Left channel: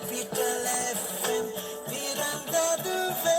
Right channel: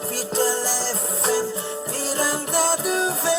Capital FM பிறந்ததுவே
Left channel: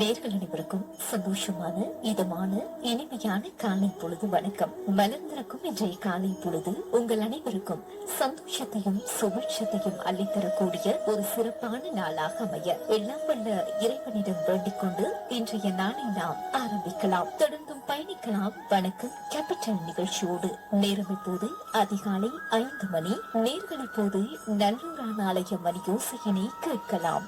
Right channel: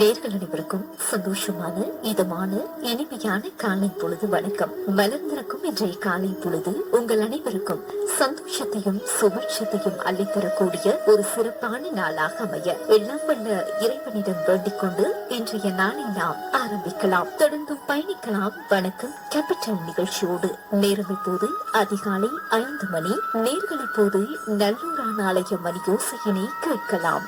நேர்கள் அனைவருக்கும் சந்தோஷமான இதமான இனிமையான காலை பொழுது வணக்கம். மலர்ந்திருக்கும் இன்றைய காலை பொழுது உங்கள் அனைவருக்கும் சந்தோஷத்தையும் சுபட்சத்தையும் அள்ளித்தரக்கூடிய ஒரு சிறப்பான நாளாக அமைய எல்லாம் வல்ல இறைவனிடம் வேண்டிக் கொண்டு இன்றைய நாளை நாம் ஆரம்பிக்கலாம். தொடர்ந்தும் பயணிக்கலாம். வணக்கம் கேபிட்டல் நிகழ்ச்சியோடு. நேரம் இப்போது அதிகாலை 5 மணி. நேர்கள் இப்போது நல்லூரான் ஆலய மணி யோசையினை கேட்கலாம்.